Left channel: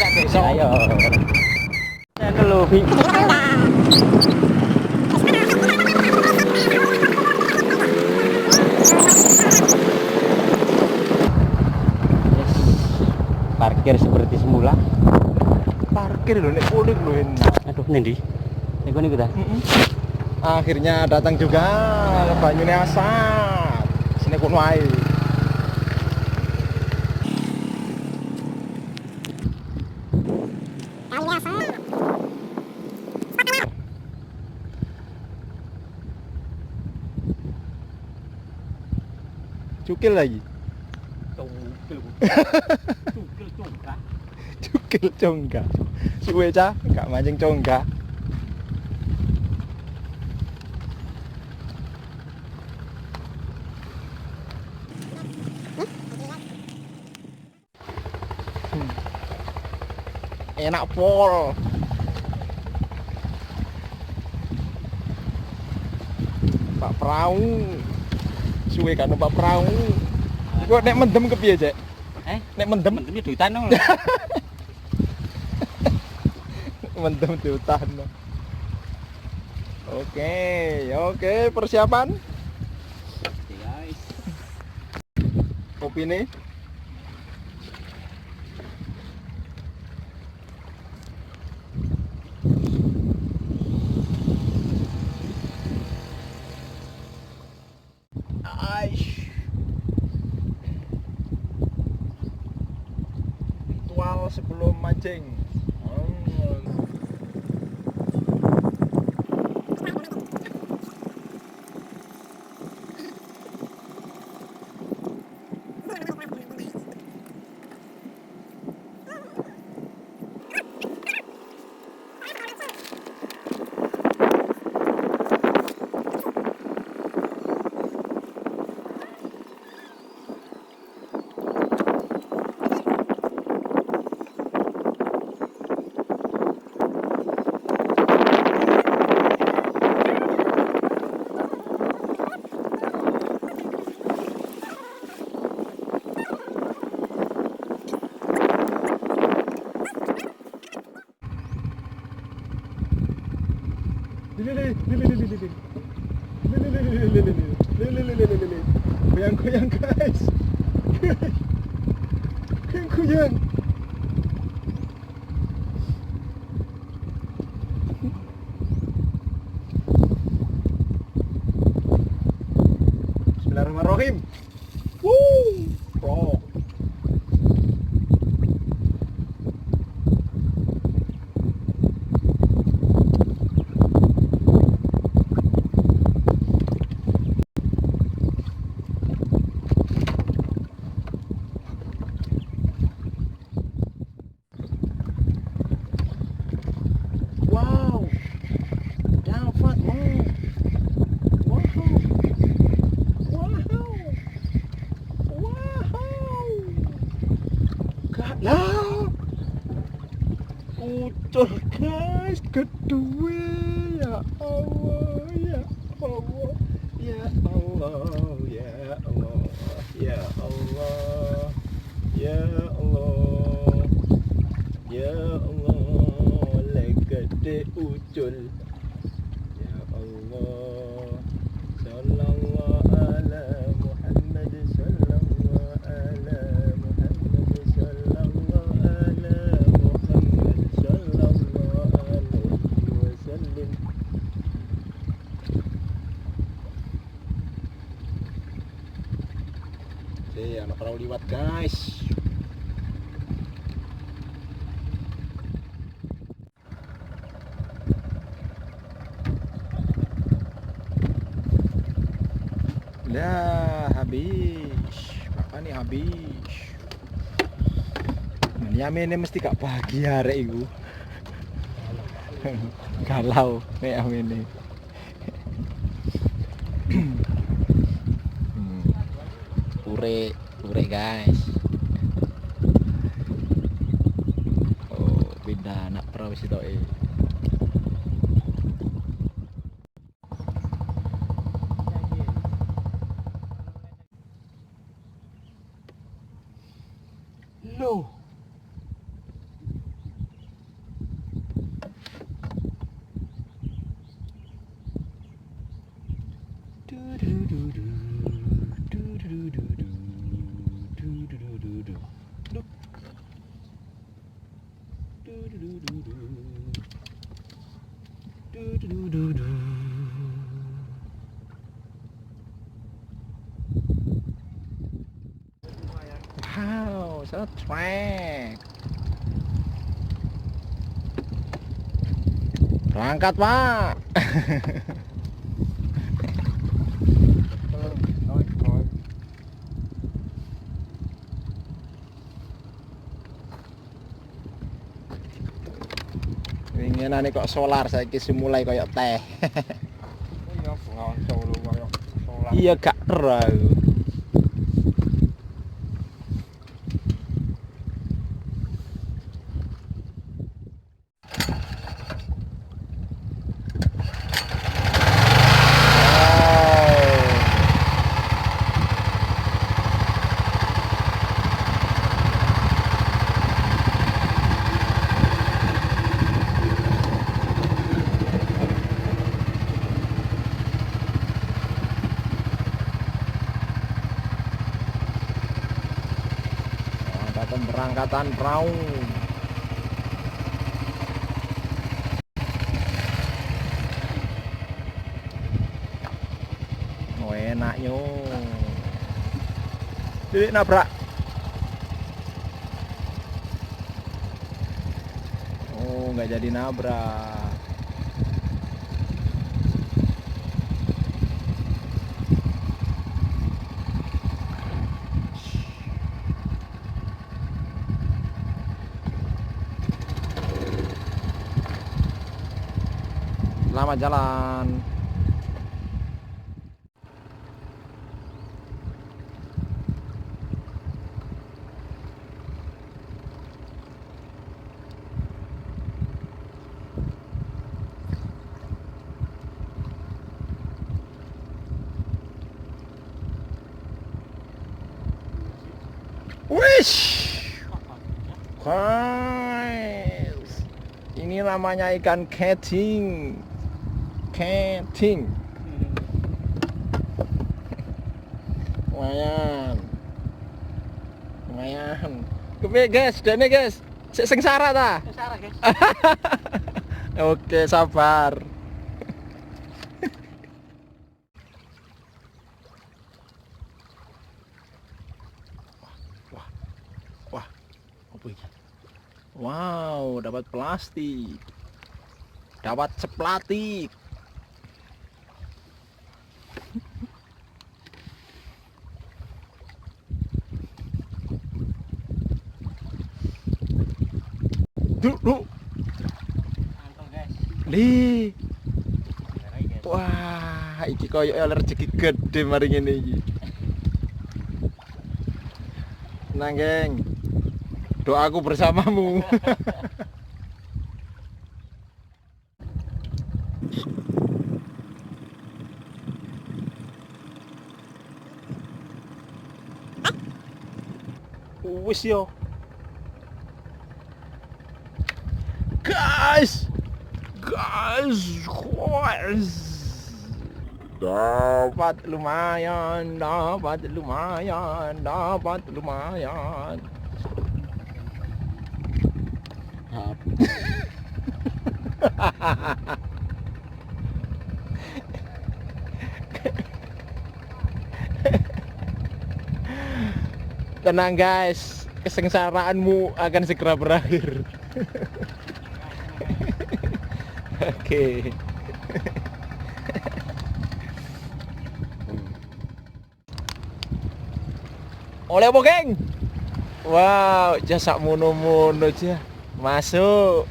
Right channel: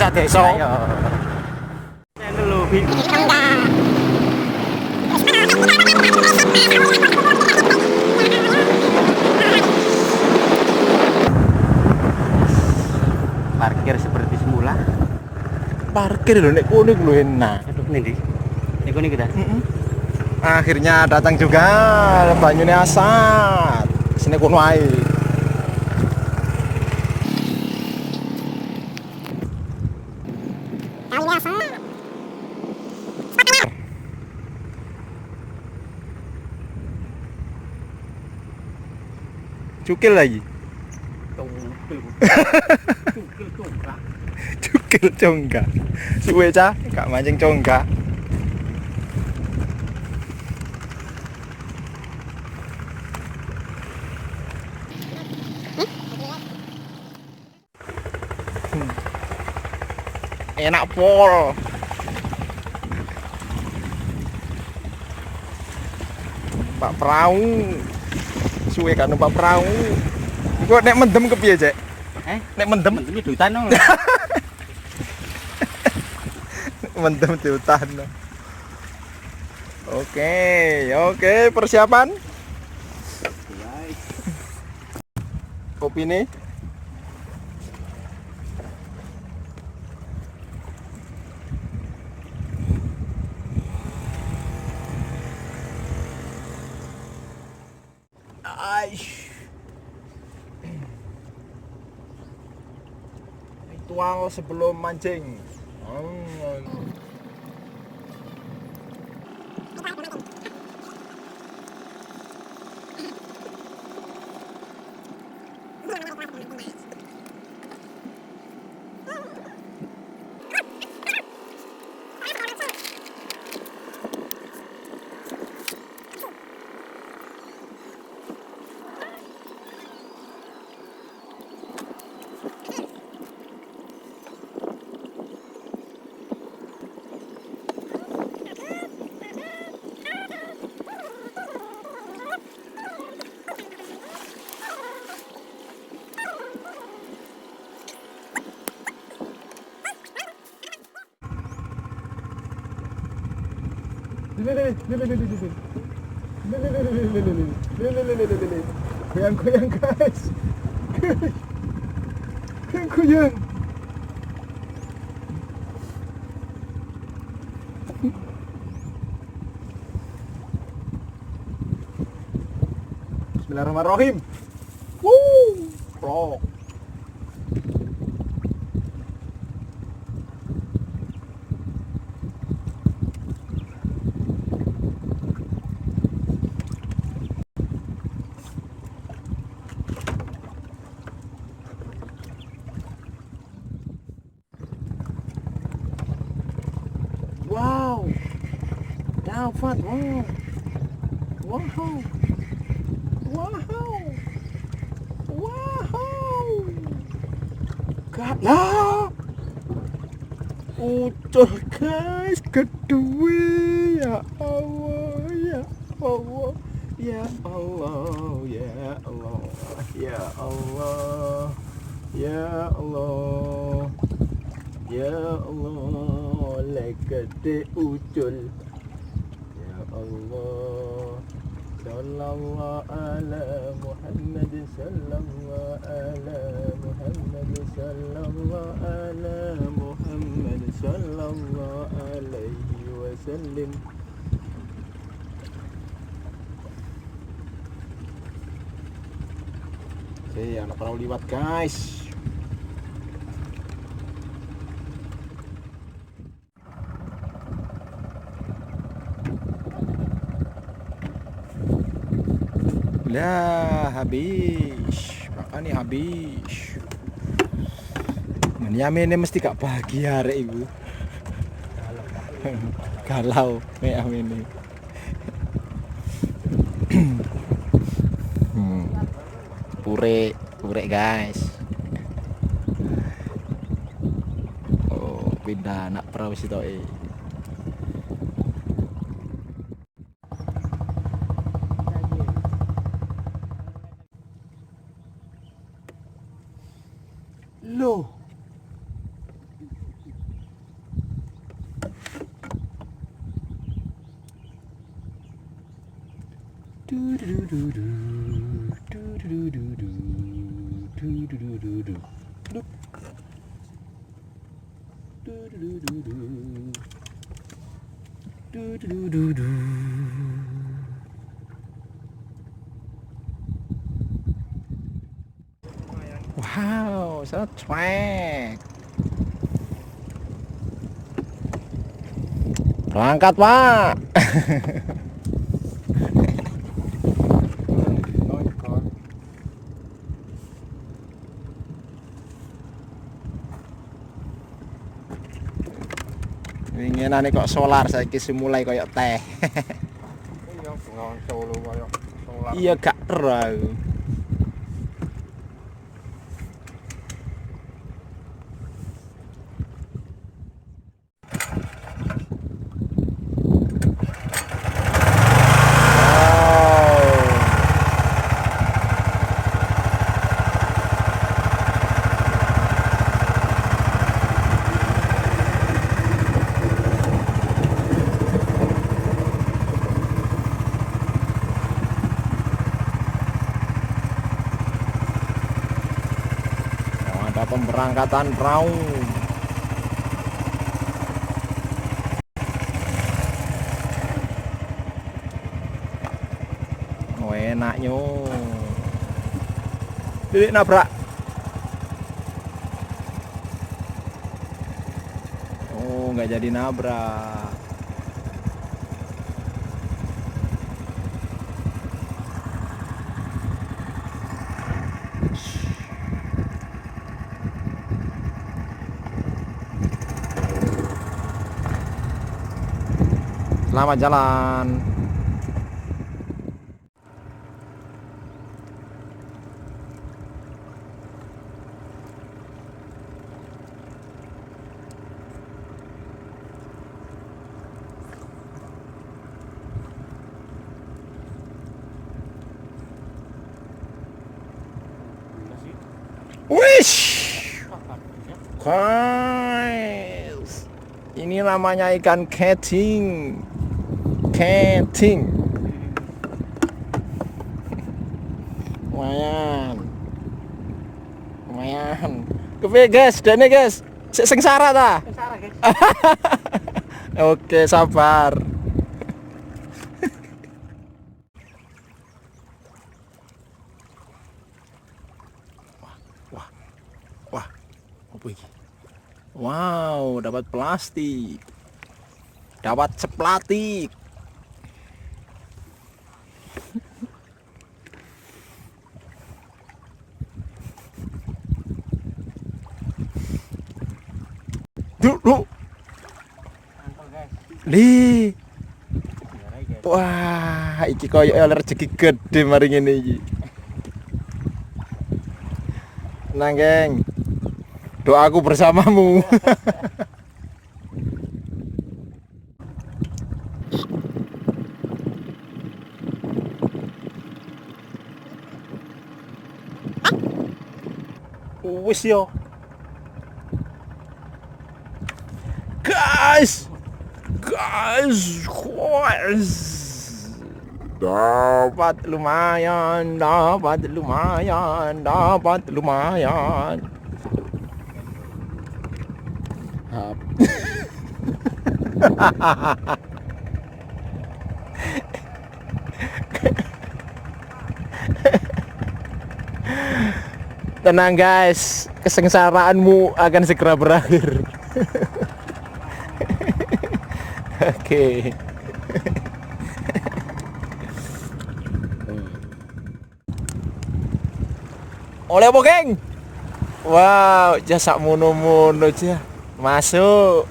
sak desa. Ayo. Aku lho, Bi. Parkir seperti semula. Parkir lho nek kono iku lho enak. Aduh, ndi? Niku niku ta. Akhirnya datang juga banyune asat. Sini kono ae. Cukil lagi. Cukil congga. Suwe cah, gak mancing congga. Enak pol. Pak perahu. Suwe kan numpak perahu. Iku nek mendem kepiye, Cek? Nek mendem Mendem di hutan no. mendem di hutan. Oke, persiapan. Kopi nih. Ritual sebelum mancing. Goyang-goyang guys. Goyang-goyang. Bismillahirrahmanirrahim. Rock. Wow, dapat wow, wow, wow, wow, gak ya, ucul guys, kedua ya Allah, ya Allah, ya Allah, ya Allah, ya Allah, ya Allah, ya Allah, gede ucul. Ya Allah, sallallahu ala Muhammad, sallallahu ala Muhammad, sallallahu ala Muhammad, sallallahu alaihi wasallam. Anak perahu liwat guys. Lah habis, makanya habis. Menyamin mesti gak bahagia rek iku. Galau nek amene. Pure guys. Oh, pindah anak perahu sitoke. Loh. Wow, so trek. Berangkat, Pak. Winginane kok solar saiki mulai koyo teh. Iya, bengawan Solo kaya solar. Iya gak ero aku. Ada pemberangkatan perahu. Oh, enaknya. Dedek nabrak. Oh, nggak jadi nabrak. Selamat jalan. Wish. Guys, ini namanya ikan keting. Keting. Lumayan. Lumayan. Kepiye guys, dene guys. Sik sengsara ta? Sengsara, guys. Oke, sabar. Wah. Wah. Apa iki? Wow, dapat plastik. Dapat seplatik. Duk. Mantul, guys. Li. Biarai, guys. Wah, iki koyo rezeki gede mari ngene iki. Tenang, geng. Doaku bersamamu. Wis yo. Guys. Dapat lumayan. Tenang guys, kesengsaraanmu akan segera berakhir. Oke. Oleh apa, geng? Wow, jasa mono-mono aja. Masuk.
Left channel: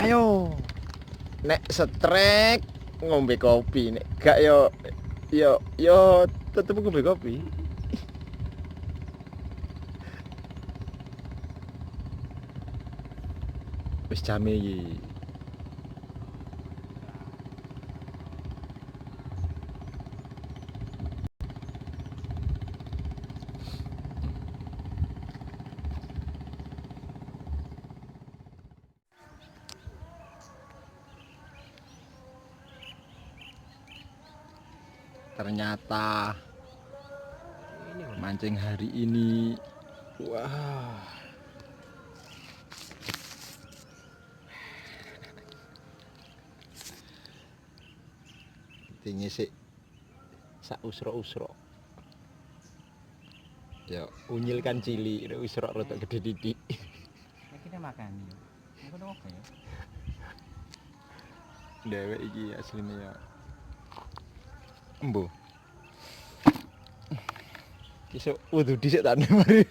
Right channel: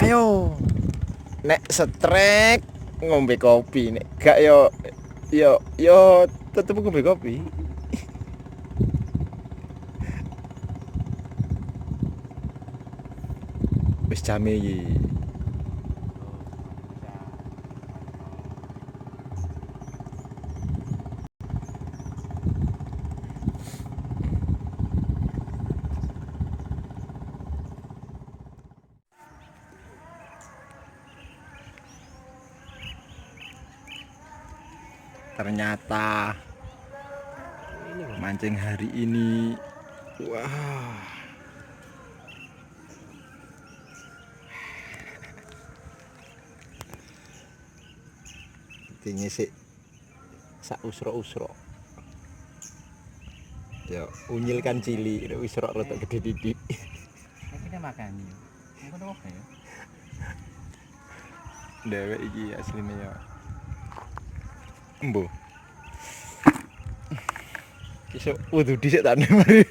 Ayo. Nek setrek ngombe kopi, nek gak yo tetep ngombe kopi. Wis jame iki. ternyata mancing hari ini wah tinggi sih sak usro ya unyil kan cili usro rotok gede didik kita makan ngono apa ya dewek iki asline ya embo kisah waduh dhisik tak mari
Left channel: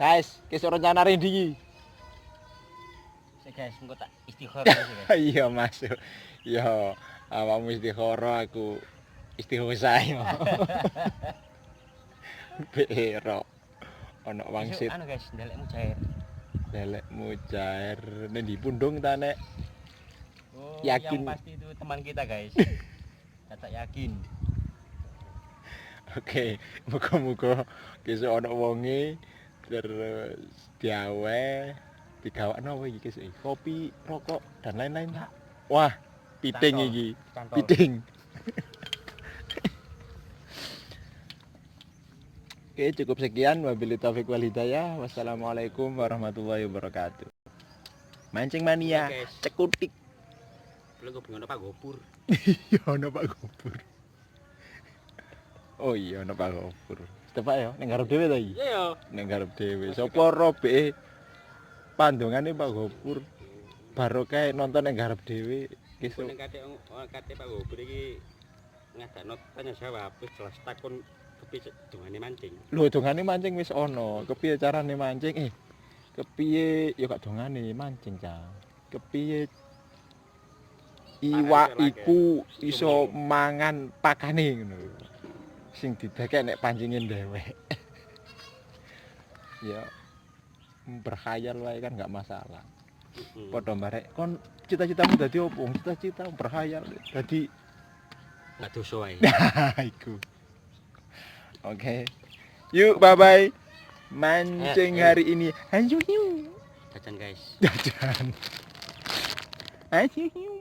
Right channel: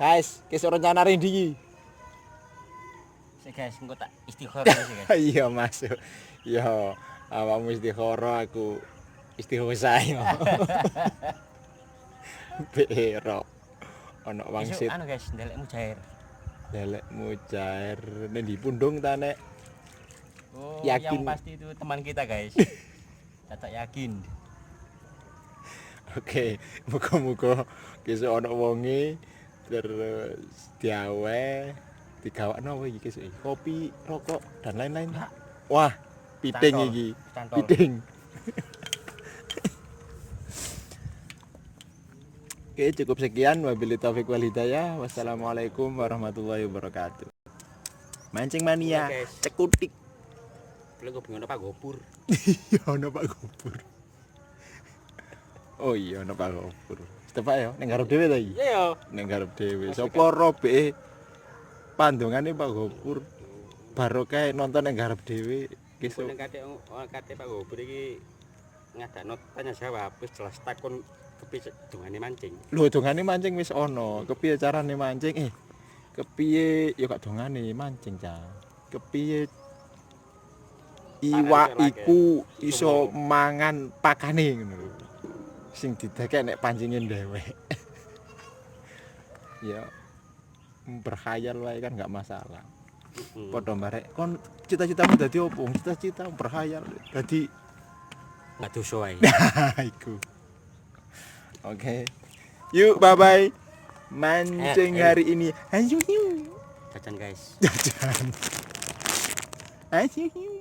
guys kisah rencana rendi iki sik guys engko tak istikharah sih guys iya masuk iya awakmu istikharah aku istighosa ya bero ana wangsit anu guys ndelekmu cair lelekmu cair ning di pundung ta nek oh yakin. yang pasti itu teman kita guys tak yakin oke muga-muga besok ana wonge terus diawe digawakno apa iki kesuk kopi rokok dan lain-lain wah piting Cantol. iki Cantol. piting oke cukup sekian wabillahi taufiq wal hidayah wassalamualaikum warahmatullahi wabarakatuh mancing mania Oke, guys. cekutik belum gue bingung Pak Gopur iya ana Pak Gopur oh iya ana Pak Gopur Tepak ya ning garep dhewe ta iki iya yo ning garep dhewe sapa robe pandongane Pak Gopur baru kae nonton ning garep dhewe Besok besok kate Pak Gopur iki ngadakno tanya jawab wis jelas takon kepiye dongane mancing. lho dongane mancing wis ana kepiye carane mancing kepiye ya gak dongane mancing ca kepiye iwak iku iso mangan pakane ngono lho sing didake nek pancingen dhewek ya berkhayal wae kan gak masalah padha barek kon cita-citamu dadi opo cita-cita berkhayal dadi Enggak dosa wae. iku oke yuk bye bye mancing hari ini ayo yuk Jajan guys. jajan ayo yuk